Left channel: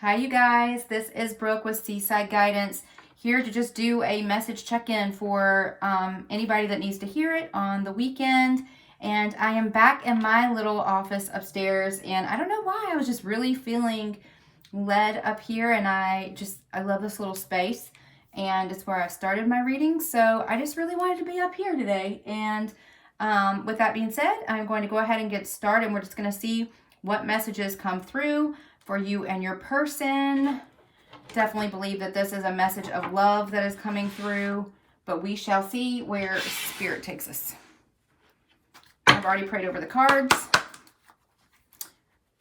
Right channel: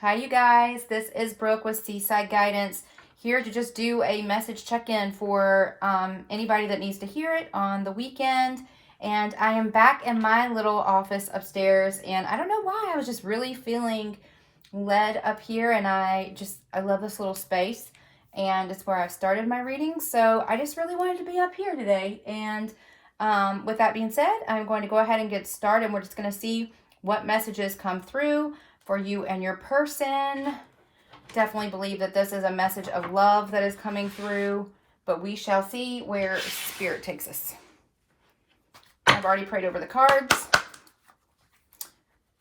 Hi, you guys. This is Brooke with Seaside Guidance, here to just do a message check-in for anybody that needs to hear it on the weekend. And I am back in my little office upstairs, and I don't know why, I was just really feeling led up here, and I love this little space, and it's where I started my reading. So I just really wanted to be up here today. And with that being said, I'm going to go ahead and get started. We're just going to see what messages come through for you and your person. Definitely believe that this is a message of love that is coming through, but we shall see where Spirit takes us. I've already prayed over the cards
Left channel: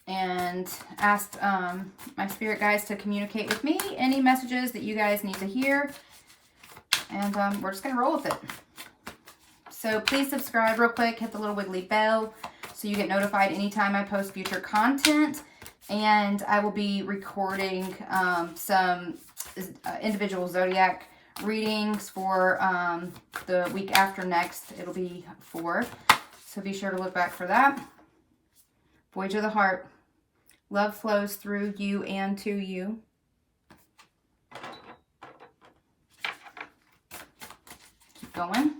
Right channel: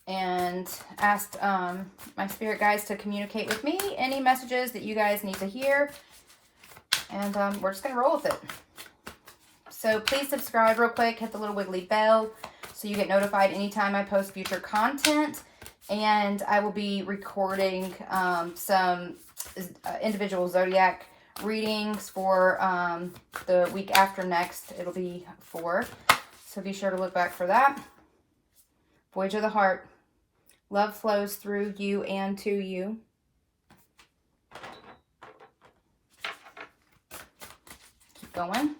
and asked my spirit guides to communicate with me any messages that you guys need to hear, and we're just gonna roll with it. So please subscribe real quick, hit the little wiggly bell so you get notified anytime I post future content. And I will be recording some individual zodiac readings for the week after next. It'll be 4. So be sure to look back for that. Voyage of the Heart. Love flows through you and to you. Keep going.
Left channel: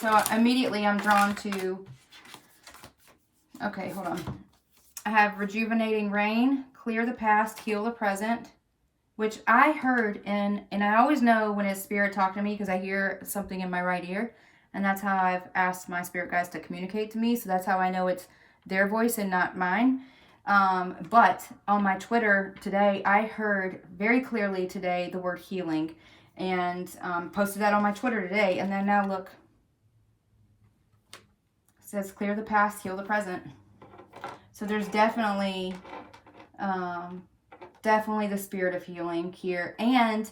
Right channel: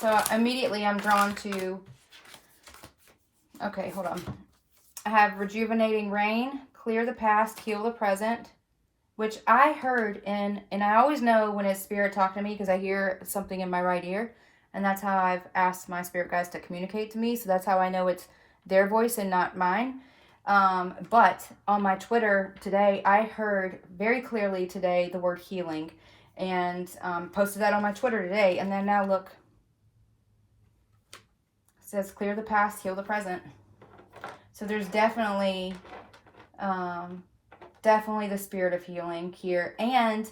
So immediately I'm drawn to... Okay, hold on. I have rejuvenating rain, clear the past, heal the present, which I heard and I always know when it's Spirit talking to me because I hear something in my right ear, and that's how I've asked my spirit guides to communicate to me. So that's how I know it's their voice and not mine. But on my Twitter today, I heard very clearly today the word healing, and posted that on my Twitter today. And then now look. Says clear the past, heal the present. So there's definitely the spirit of healing here. And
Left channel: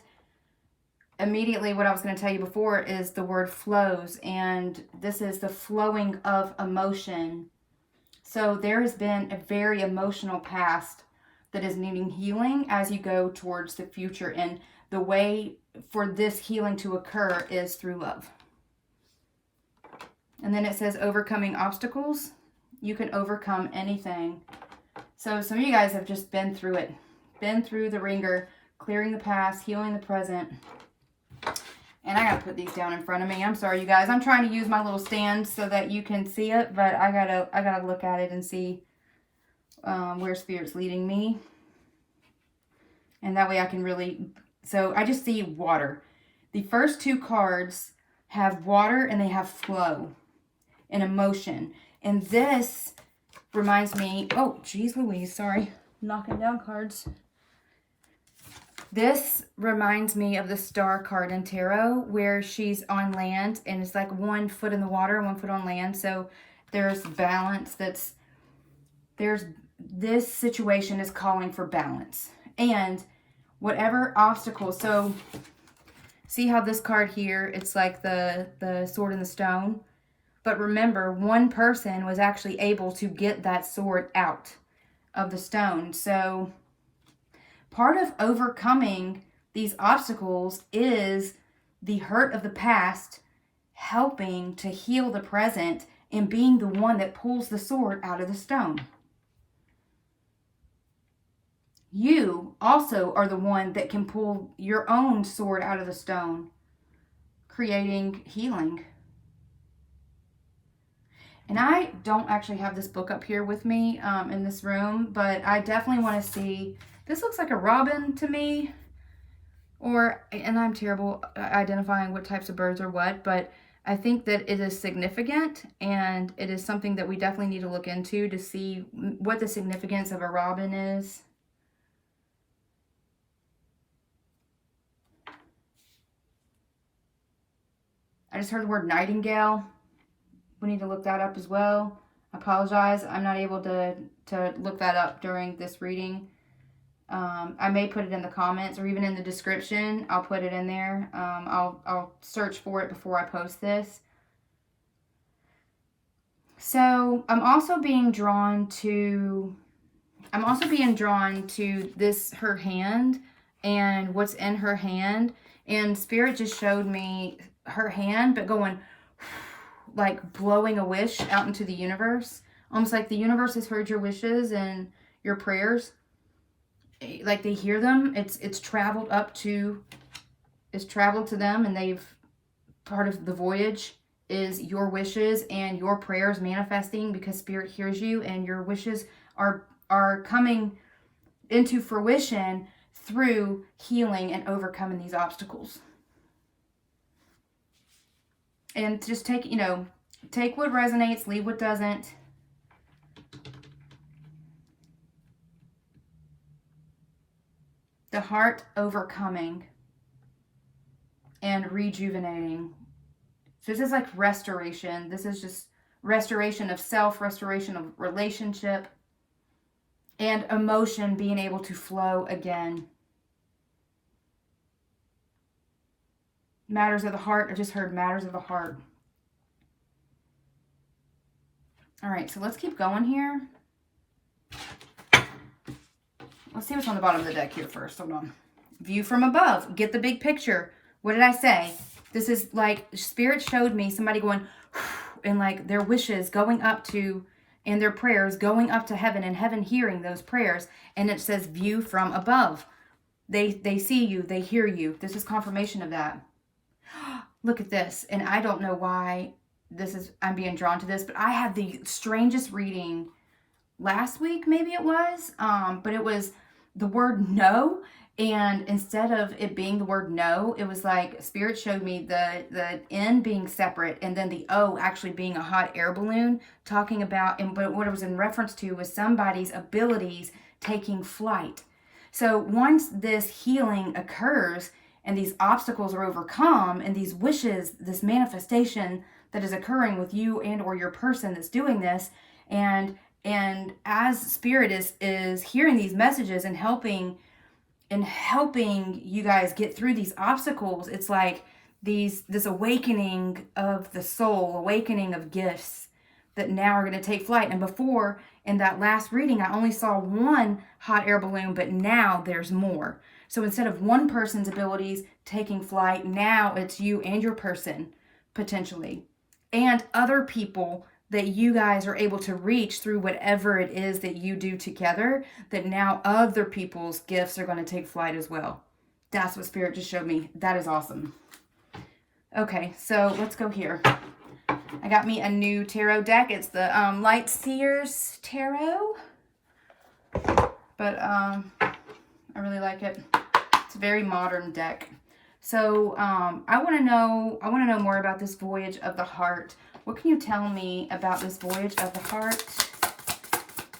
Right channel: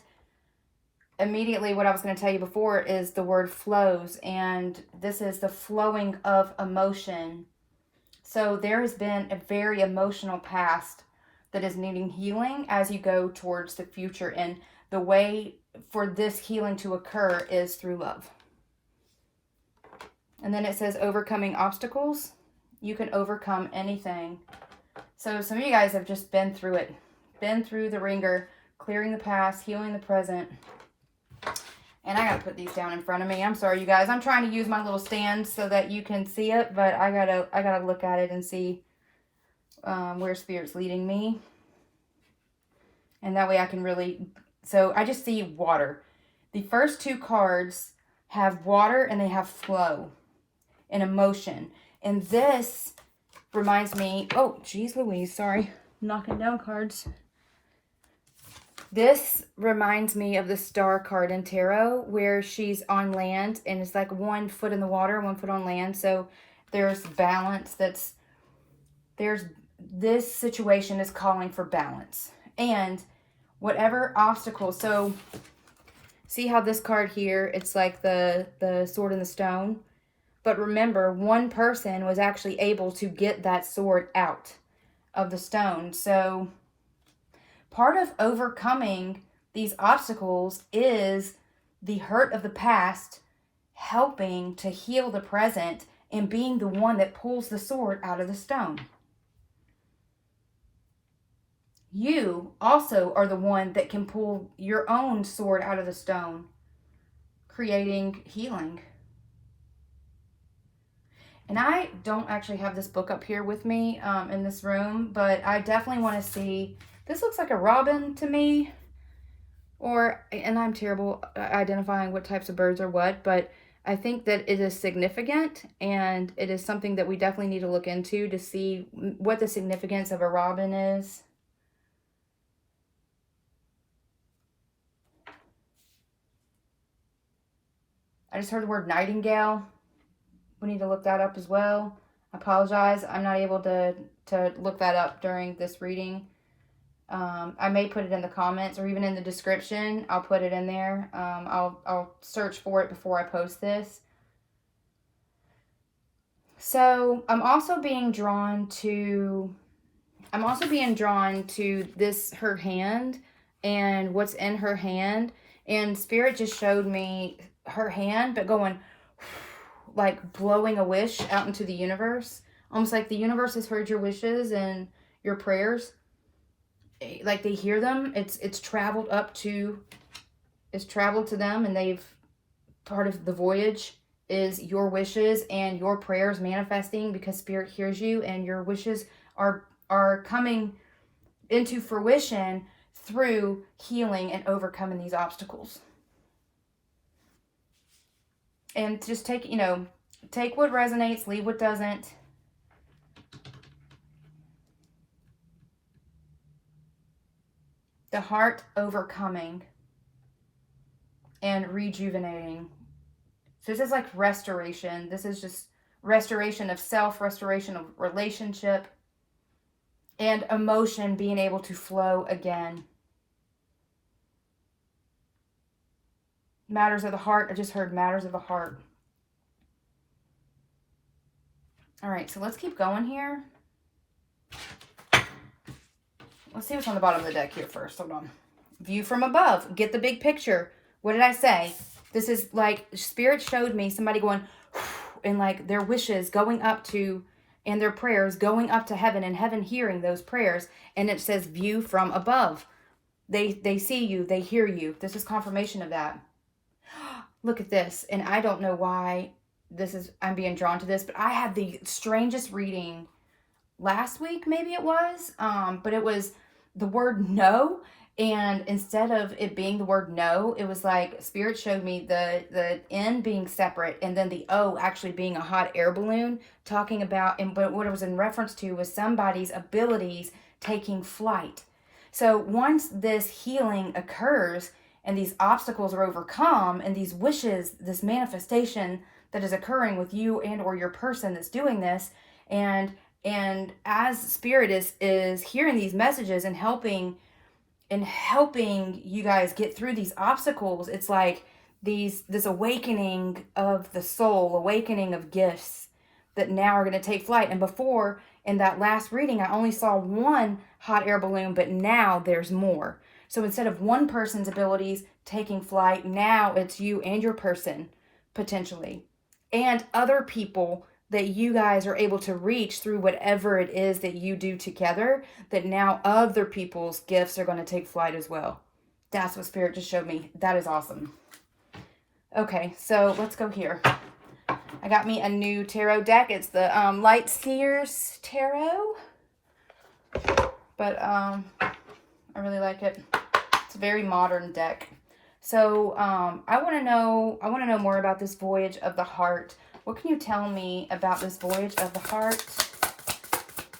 immediately what I was going to tell you before is the word flows, and this is the flowing of emotion. So there has been a very emotional past that is needing healing as you go towards the future, and the way for this healing to occur is through love. And then it says overcoming obstacles. You can overcome anything. So some of you guys have just been through it. Been through the ringer, clearing the past, healing the present. And I gotta put these down in front of me. I'm sorry, you guys. I'm trying to use my little stand so that you can see it, but I gotta look at it and see where Spirit's leading me. And that way I can really... So I just see water. The first 2 cards have water and they have flow and emotion. And this reminds me, oh, geez Louise, sorry, I'm knocking down cards. This reminds me of the Star card in Tarot, where she's on land and it's like 1 foot in the water, 1 foot on land. So there's balance. This situation is calling for balance. And whatever obstacles, so see how this card here, it's like the sword and the stone. But remember, 1 person was actually able to get that sword out of the stone. So part of overcoming these obstacles is the hurt of the past helping to heal the present and being the one that pulls the sword out of the stone. You also are the one that can pull your own sword out of the stone, creating healing. And I don't actually have this book up here with me in this room, but I definitely want to see, this looks like a robin to me, and I'm terrible at identifying what types of birds are what, but I think that it is significant, and it is something that we definitely need to look into to see what the significance of a robin is. I just heard the word nightingale. We need to look that up as well. I apologize. I'm not able to look that up during this reading. I may put it in the comments or even in the description. I'll put it in there. I'll search for it before I post this. So I'm also being drawn to this, her hand, and what's in her hand. And Spirit just showed me her hand, but going like blowing a wish out into the universe. Almost like the universe has heard your wishes and your prayers, like they hear them. It's traveled to them, and they've, part of the voyage is your wishes and your prayers manifesting, because Spirit hears you, and your wishes are coming into fruition through healing and overcoming these obstacles. And just take what resonates, leave what doesn't. The heart overcoming and rejuvenating. So this is like restoration. This is just restoration of self, restoration of relationship, and emotion being able to flow again. Matters of the heart. I just heard matters of the heart. All right, so let's keep going here. Let's see what's on the bottom of the deck here first. Hold on. View from above. Get the big picture. What did I say? This is like Spirit showed me somebody going and like their wishes going up to, and their prayers going up to heaven, and heaven hearing those prayers. And it says view from above. They see you. They hear you. This is confirmation of that. Look at this. And I don't know why I'm being drawn to this, but I had the strangest reading last week, maybe it was, but it was the word no. And instead of it being the word no, it was like Spirit showed me the N being separate, and then the O actually being a hot air balloon, talking about, but what it was in reference to was somebody's abilities taking flight. So once this healing occurs and these obstacles are overcome, and these wishes, this manifestation that is occurring with you and or your person that's doing this, and as Spirit is hearing these messages and helping you guys get through these obstacles, it's like this awakening of the soul, awakening of gifts that now are going to take flight. And before, in that last reading, I only saw one hot air balloon, but now there's more. So instead of one person's abilities taking flight, now it's you and your person, potentially, and other people that you guys are able to reach through whatever it is that you do together, that now other people's gifts are going to take flight as well. That's what Spirit just showed me. That is awesome. Okay, so let's go here. I got me a new tarot deck. It's the Light Seers Tarot. But I really like it. It's a very modern deck. So I want to know more about this voyage of the heart. What can you tell me about this voyage of the heart?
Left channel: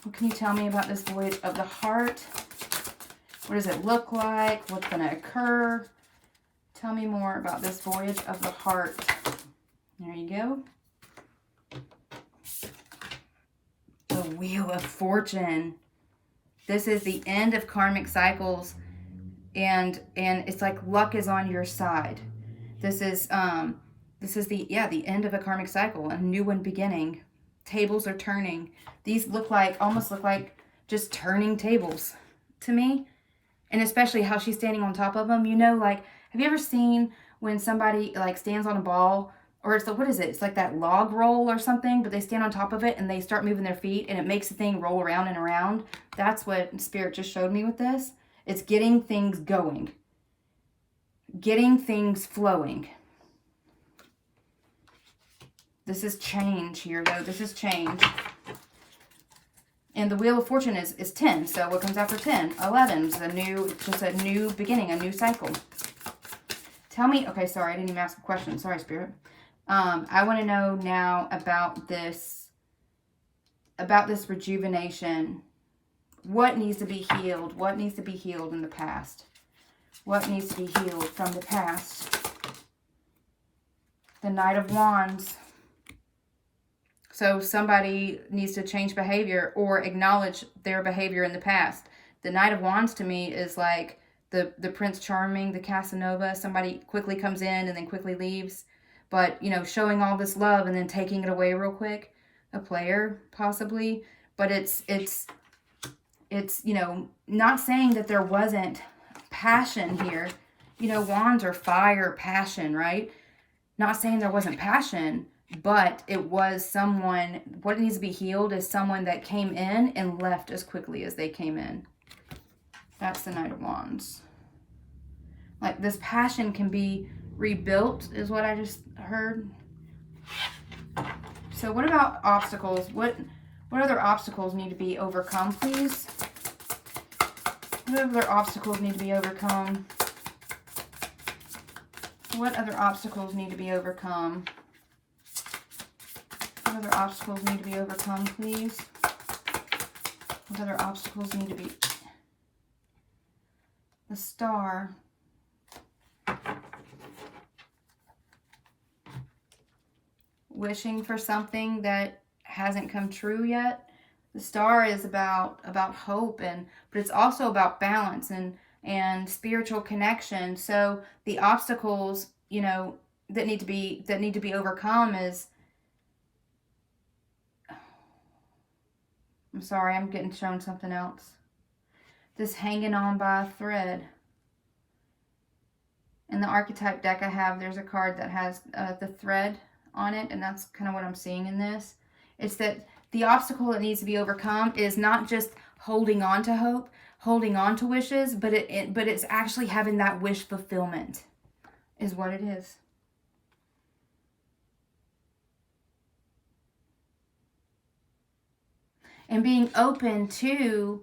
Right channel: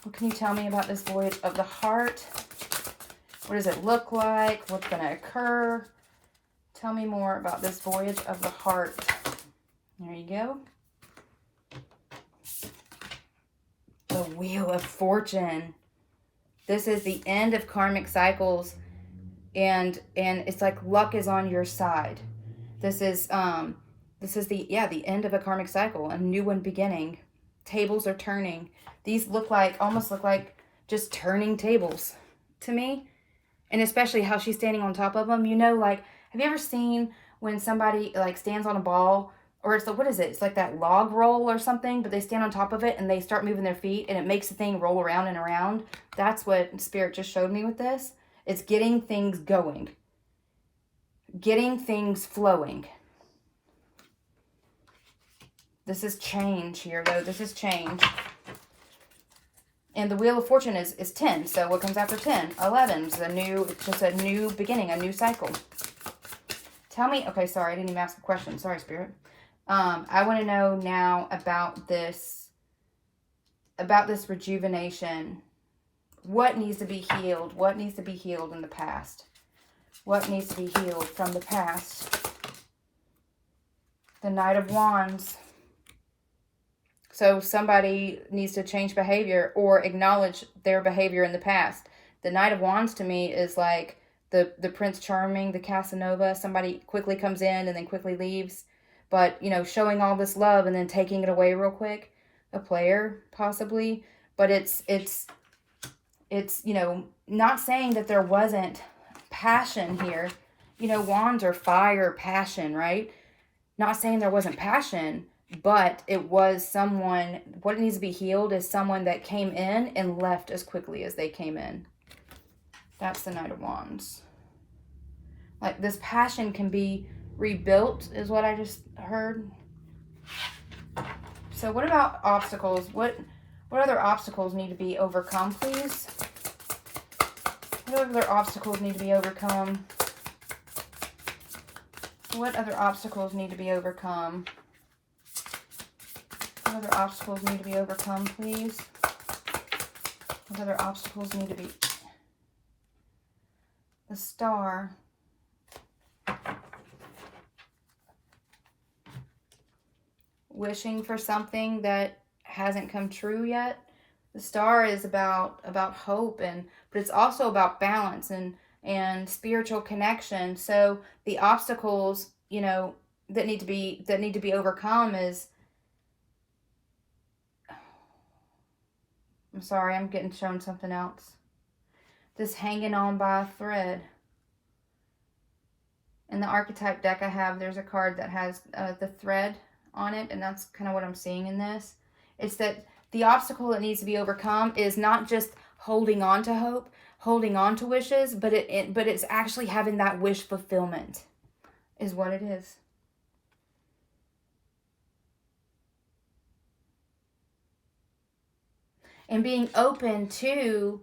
What can you tell me about this voyage of the heart? What does it look like? What's going to occur? Tell me more about this voyage of the heart. There you go. The Wheel of Fortune. This is the end of karmic cycles, and it's like luck is on your side. This is the end of a karmic cycle, a new one beginning. Tables are turning. These almost look like just turning tables to me. And especially how she's standing on top of them. You know, like, have you ever seen when somebody like stands on a ball, or it's what is it? It's like that log roll or something, but they stand on top of it and they start moving their feet and it makes the thing roll around and around. That's what Spirit just showed me with this. It's getting things going. Getting things flowing. This is change here, though. This is change. And the Wheel of Fortune is 10. So what comes after 10? 11. It's just a new beginning, a new cycle. Tell me, okay, sorry, I didn't even ask a question. Sorry, Spirit. I want to know now about this rejuvenation. What needs to be healed? What needs to be healed in the past? What needs to be healed from the past? The Knight of Wands. So somebody needs to change behavior or acknowledge their behavior in the past. The Knight of Wands to me is like the Prince Charming, the Casanova. Somebody quickly comes in and then quickly leaves. But, you know, showing all this love and then taking it away real quick. A player, possibly. But it's you know, not saying that there wasn't passion here. You know, wands are fire, passion, right? Not saying there wasn't passion, but it was someone, what needs to be healed is someone that came in and left as quickly as they came in. That's the Knight of Wands. Like, this passion can be rebuilt, is what I just heard. So what about obstacles? What other obstacles need to be overcome, please? What other obstacles need to be overcome? What other obstacles need to be overcome? What other obstacles need to be overcome, please? What other obstacles need to be... The Star. Wishing for something that hasn't come true yet. The Star is about hope, but it's also about balance and spiritual connection. So the obstacles, you know, that need to be overcome is... I'm sorry, I'm getting shown something else. This hanging on by a thread. In the archetype deck I have, there's a card that has the thread on it, and that's kind of what I'm seeing in this. It's that the obstacle that needs to be overcome is not just holding on to hope, holding on to wishes, but it's actually having that wish fulfillment is what it is. And being open to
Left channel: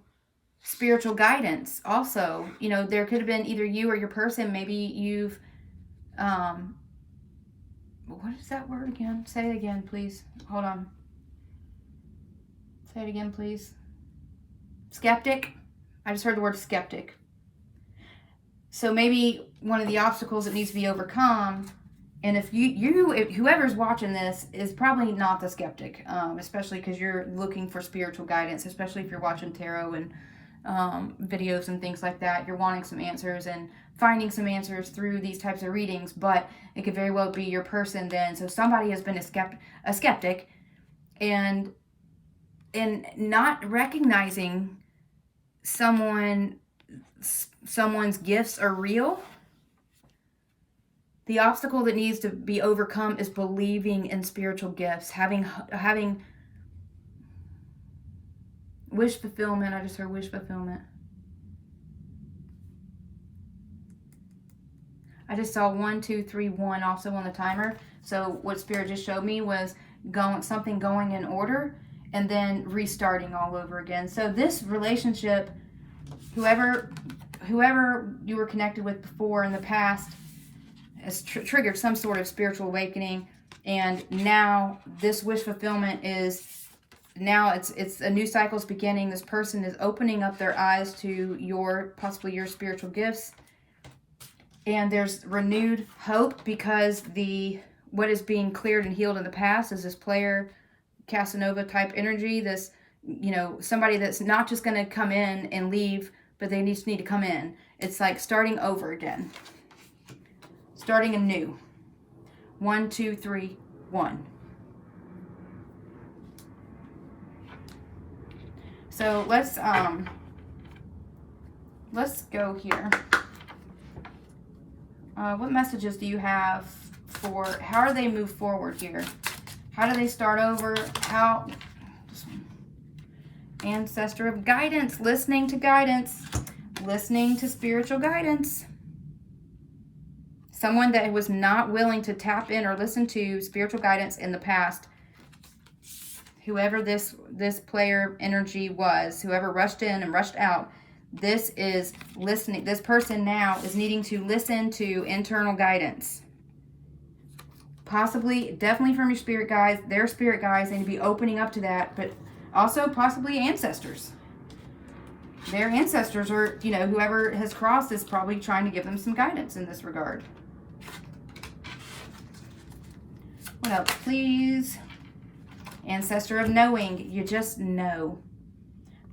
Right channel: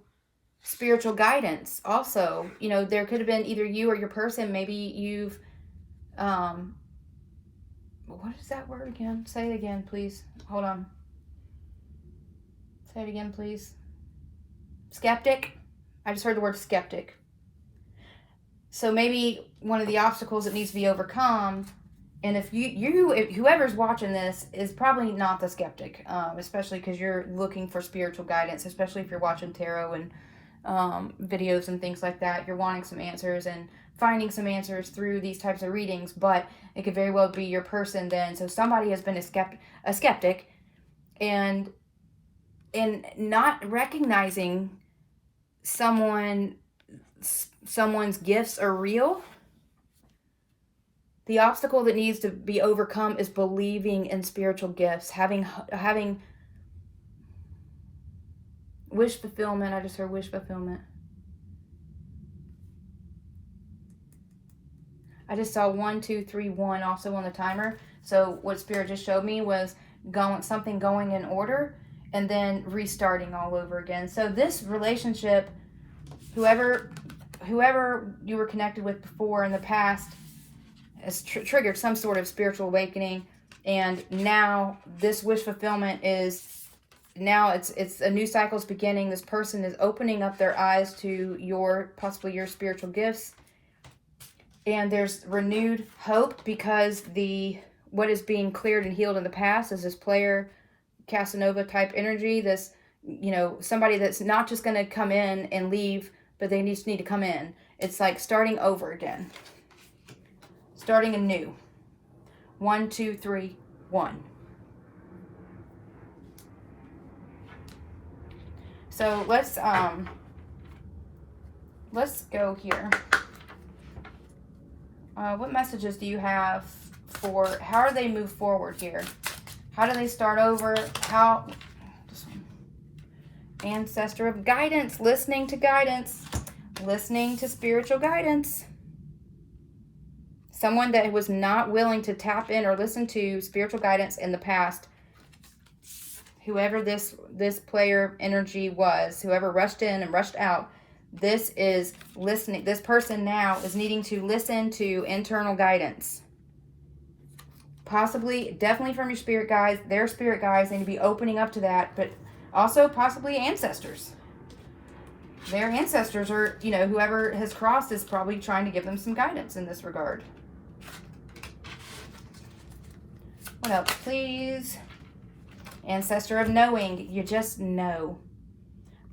spiritual guidance also. You know, there could have been either you or your person, maybe you've what is that word again? Say it again, please. Hold on. Say it again, please. Skeptic. I just heard the word skeptic. So maybe one of the obstacles that needs to be overcome, and if whoever's watching this is probably not the skeptic, especially because you're looking for spiritual guidance, especially if you're watching tarot and videos and things like that. You're wanting some answers and finding some answers through these types of readings, but it could very well be your person then. So somebody has been a skeptic and not recognizing someone's gifts are real. The obstacle that needs to be overcome is believing in spiritual gifts, having wish fulfillment. I just heard wish fulfillment. I just saw 1, 2, 3, 1 also on the timer. So what Spirit just showed me was something going in order and then restarting all over again. So this relationship, whoever you were connected with before in the past, has triggered some sort of spiritual awakening, and now this wish fulfillment is now it's a new cycle's beginning. This person is opening up their eyes to possibly your spiritual gifts. And there's renewed hope because what is being cleared and healed in the past is this player Casanova type energy. This, you know, somebody that's not just going to come in and leave, but they just need to come in. It's like starting over again. Starting anew. 1, 2, 3, 1. So let's go here. What messages do you have for how do they move forward here? How do they start over? Ancestor of guidance, listening to guidance, listening to spiritual guidance. Someone that was not willing to tap in or listen to spiritual guidance in the past. Whoever this player energy was, whoever rushed in and rushed out, this is listening. This person now is needing to listen to internal guidance. Possibly, definitely from your spirit guides. Their spirit guides need to be opening up to that, but also possibly ancestors. Their ancestors are, you know, whoever has crossed is probably trying to give them some guidance in this regard. What else, please? Ancestor of knowing. You just know.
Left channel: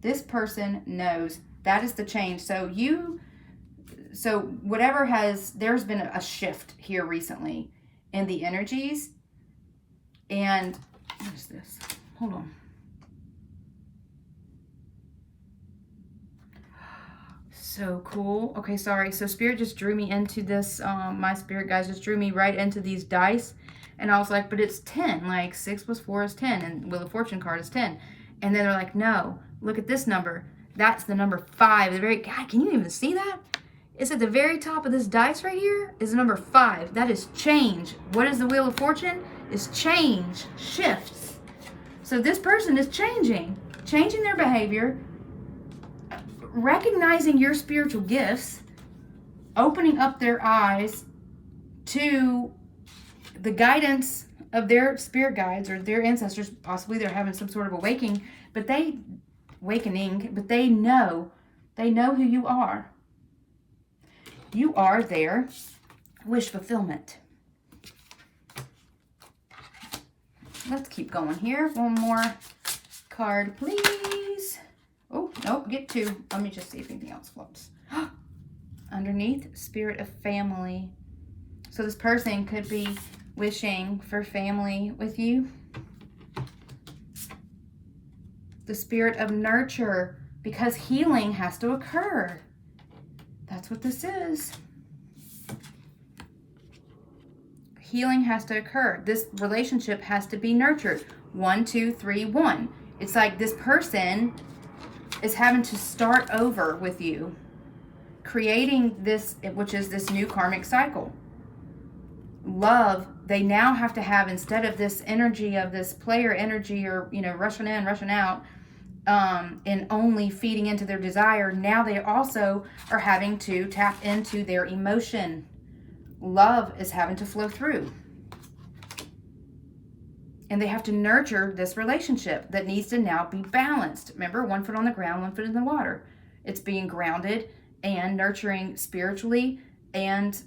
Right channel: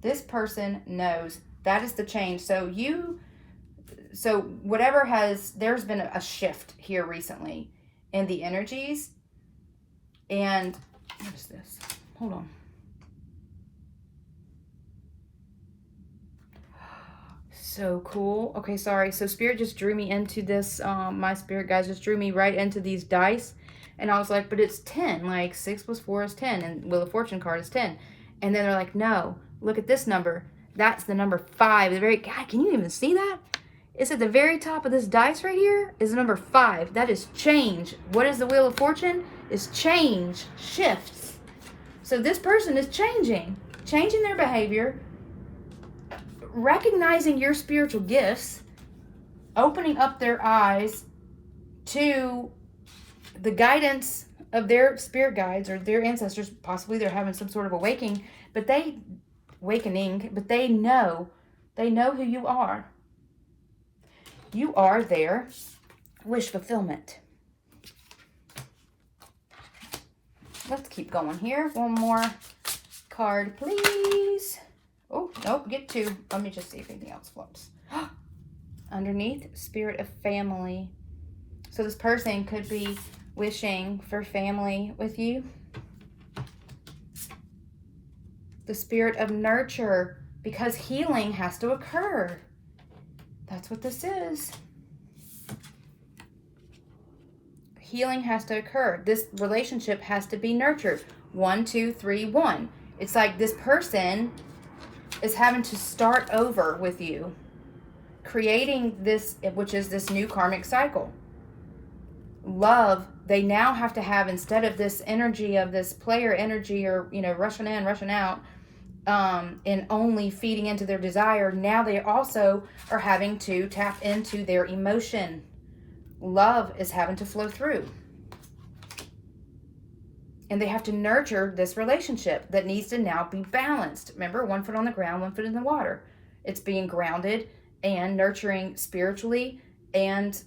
This person knows. That is the change. So there's been a shift here recently in the energies. And what is this? Hold on. So cool. Okay, sorry. So Spirit just drew me into this. My spirit guys just drew me right into these dice. And I was like, but it's 10. Like 6 plus 4 is 10. And Wheel of Fortune card is 10. And then they're like, no, look at this number. That's the number 5. The very, God, can you even see that? It's at the very top of this dice right here is the number 5. That is change. What is the Wheel of Fortune? It's change, shifts. So this person is changing their behavior, recognizing your spiritual gifts, opening up their eyes to the guidance of their spirit guides or their ancestors. Possibly they're having some sort of awakening, but they know who you are. You are their wish fulfillment. Let's keep going here. One more card, please. Oh, nope, get 2. Let me just see if anything else floats. Underneath, spirit of family. So this person could be wishing for family with you. The spirit of nurture, because healing has to occur. That's what this is. Healing has to occur. This relationship has to be nurtured. 1, 2, 3, 1. It's like this person is having to start over with you, creating this, which is this new karmic cycle. Love, they now have to have, instead of this energy of this player energy or, rushing in, rushing out, and only feeding into their desire, now they also are having to tap into their emotion. Love is having to flow through. And they have to nurture this relationship that needs to now be balanced. Remember, 1 foot on the ground, 1 foot in the water. It's being grounded and nurturing spiritually, and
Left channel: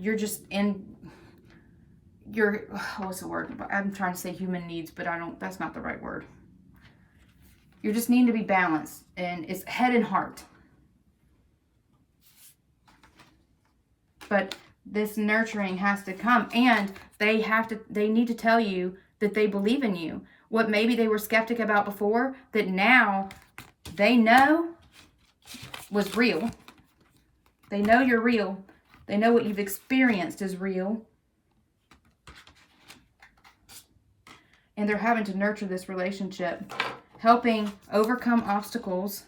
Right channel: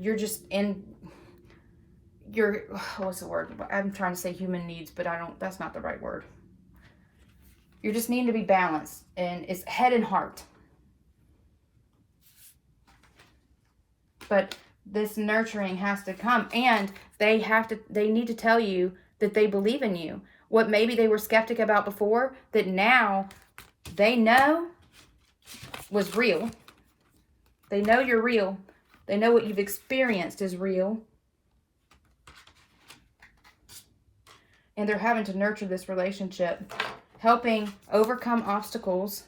you're just in your, what's the word? I'm trying to say human needs, but that's not the right word. You're just needing to be balanced, and it's head and heart. But this nurturing has to come, and they need to tell you that they believe in you. What maybe they were skeptic about before, that now they know was real. They know you're real. They know what you've experienced is real. And they're having to nurture this relationship, helping overcome obstacles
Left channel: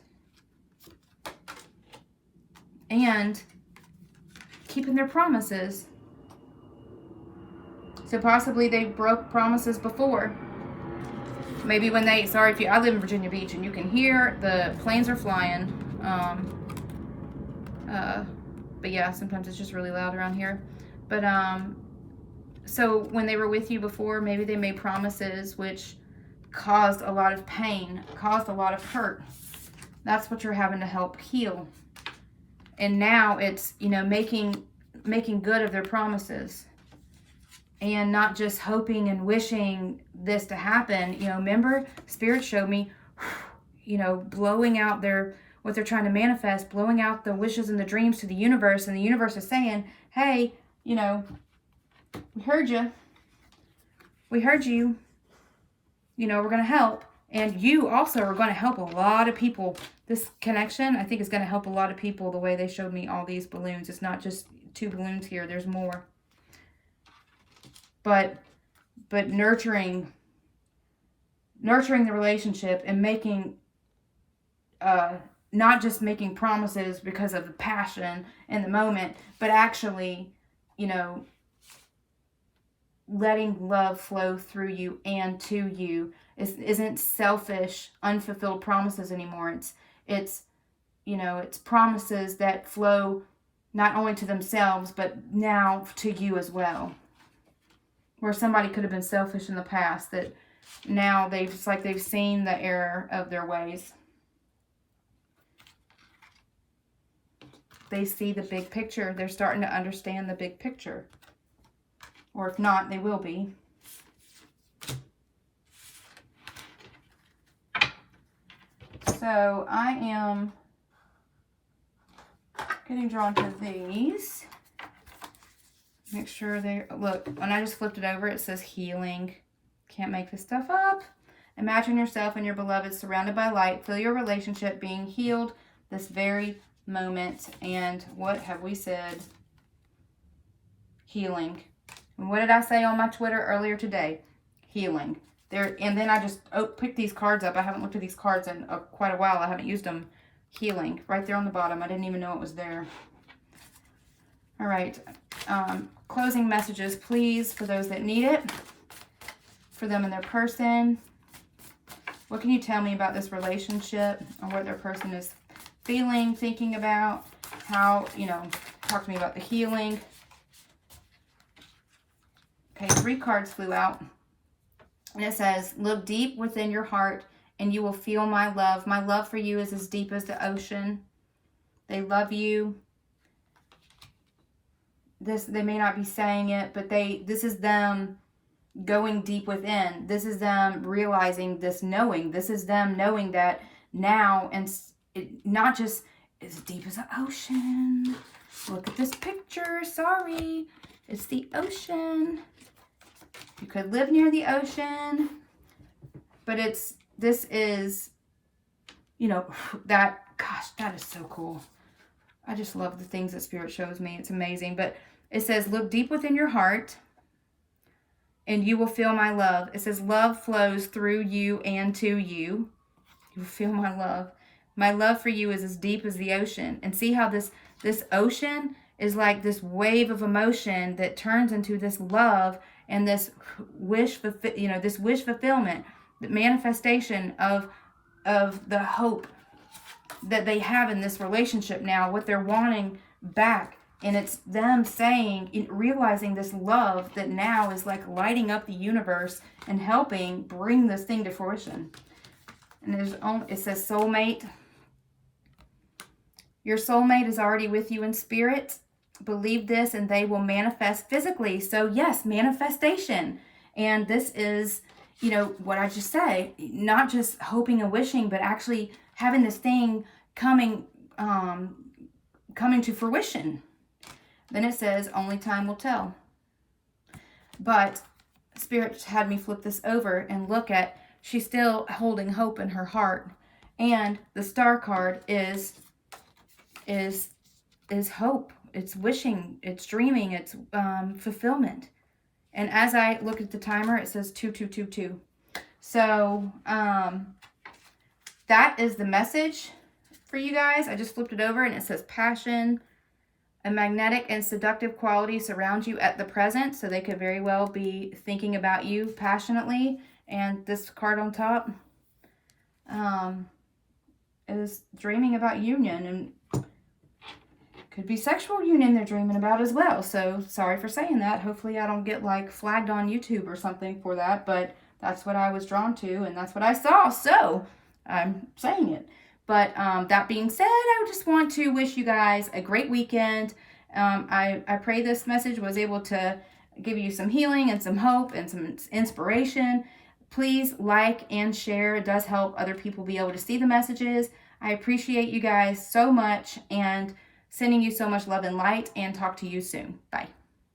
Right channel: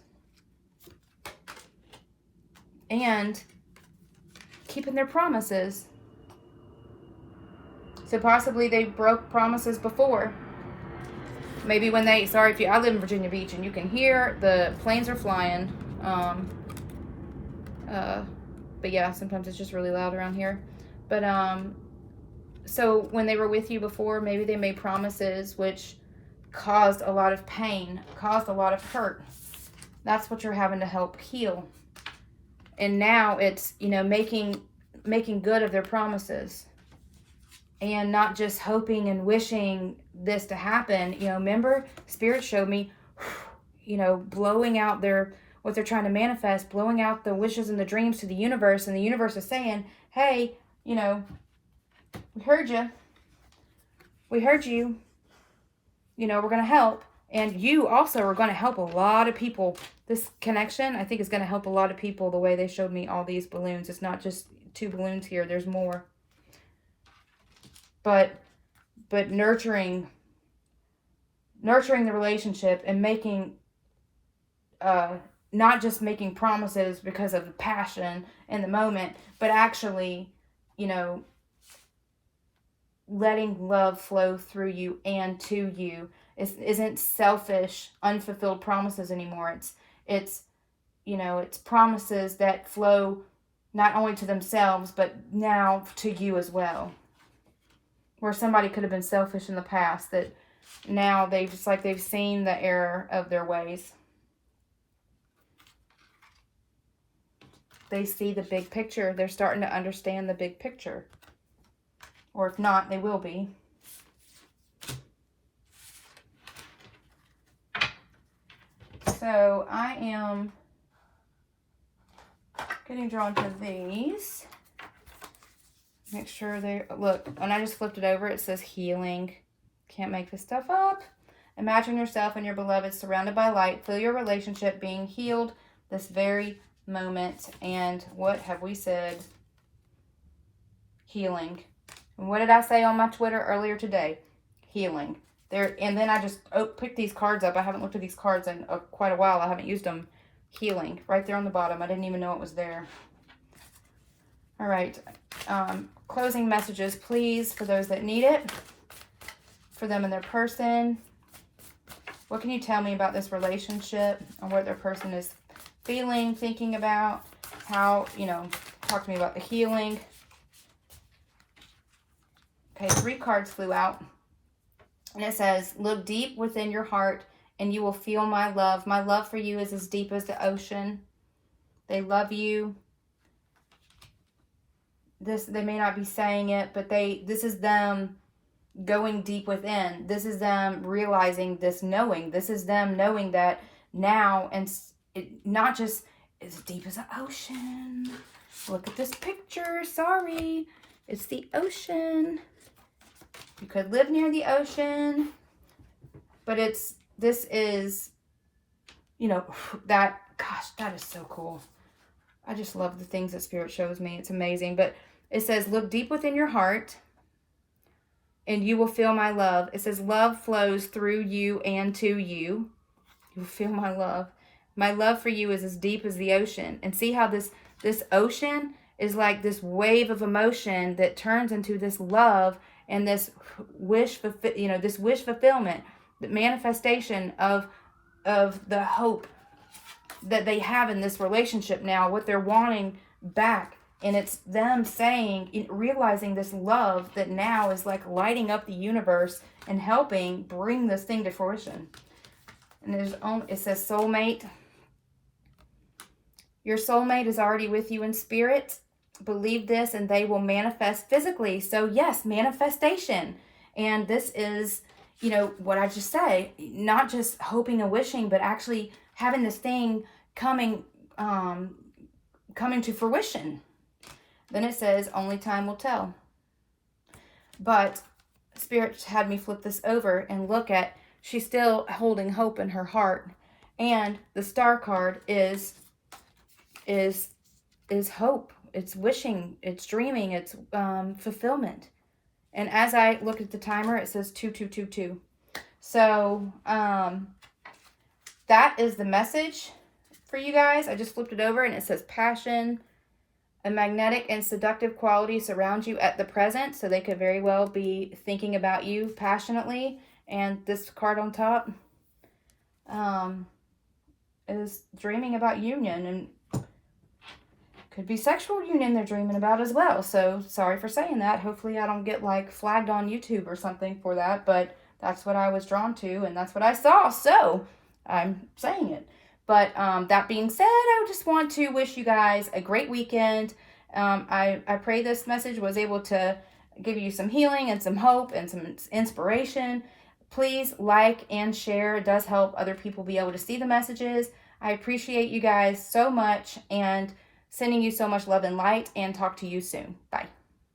and keeping their promises. So possibly they broke promises before. Maybe when I live in Virginia Beach, and you can hear the planes are flying. But yeah, sometimes it's just really loud around here. But so when they were with you before, maybe they made promises which caused a lot of pain, caused a lot of hurt. That's what you're having to help heal. And now it's, making good of their promises. And not just hoping and wishing this to happen. Remember, Spirit showed me, blowing out what they're trying to manifest, blowing out the wishes and the dreams to the universe. And the universe is saying, hey, we heard you. We heard you. We're going to help. And you also are going to help a lot of people. This connection, I think, is going to help a lot of people the way they showed me all these balloons. It's not just 2 balloons here. There's more. But nurturing the relationship and making, not just making promises because of the passion in the moment, but actually, letting love flow through you and to you. Isn't selfish, unfulfilled promises anymore. It's promises that flow not only to themselves, but now to you as well. Where somebody could have been selfish in the past, that now they've seen the error of their ways. They see the big picture. They're starting to understand the big picture. Or if not, they will be. So I am getting drawn to these. Make sure look, when I just flipped it over, it says healing. Can't make this stuff up. Imagine yourself and your beloved surrounded by light. Feel your relationship being healed this very moment. And what have we said? Healing. And what did I say on my Twitter earlier today? Healing. There, and then I just picked these cards up. I haven't looked at these cards in quite a while. I haven't used them. Healing. Right there on the bottom. I didn't even know it was there. All right. Closing messages, please, for those that need it. For them and their person. What can you tell me about this relationship or what their person is feeling, thinking about? How, talk to me about the healing. Okay, 3 cards flew out. And it says, look deep within your heart and you will feel my love. My love for you is as deep as the ocean. They love you. They may not be saying it, but this is them going deep within. This is them realizing this knowing. This is them knowing that now, and not just as deep as the ocean. Look at this picture. Sorry. It's the ocean. You could live near the ocean, but this is, that is so cool. I just love the things that Spirit shows me. It's amazing. But it says, look deep within your heart and you will feel my love. It says, love flows through you and to you. You will feel my love. My love for you is as deep as the ocean. And see how this ocean is like this wave of emotion that turns into this love and this wish fulfillment, the manifestation of the hope that they have in this relationship now, what they're wanting back. And it's them realizing this love that now is like lighting up the universe and helping bring this thing to fruition. And it says soulmate. Your soulmate is already with you in spirit. Believe this and they will manifest physically. So yes, manifestation. And this is, what I just said, not just hoping and wishing, but actually having this thing coming to fruition. Then it says, only time will tell. But Spirit had me flip this over and look at, she's still holding hope in her heart. And the star card is hope. It's wishing, it's dreaming, it's fulfillment. And as I look at the timer, it says 2222. So that is the message for you guys. I just flipped it over and it says passion. A magnetic and seductive quality surrounds you at the present. So they could very well be thinking about you passionately. And this card on top is dreaming about union, and could be sexual union they're dreaming about as well. So sorry for saying that. Hopefully I don't get like flagged on YouTube or something for that, but that's what I was drawn to and that's what I saw. So I'm saying it. But that being said, I just want to wish you guys a great weekend. I pray this message was able to give you some healing and some hope and some inspiration. Please like and share. It does help other people be able to see the messages. I appreciate you guys so much and sending you so much love and light, and talk to you soon. Bye.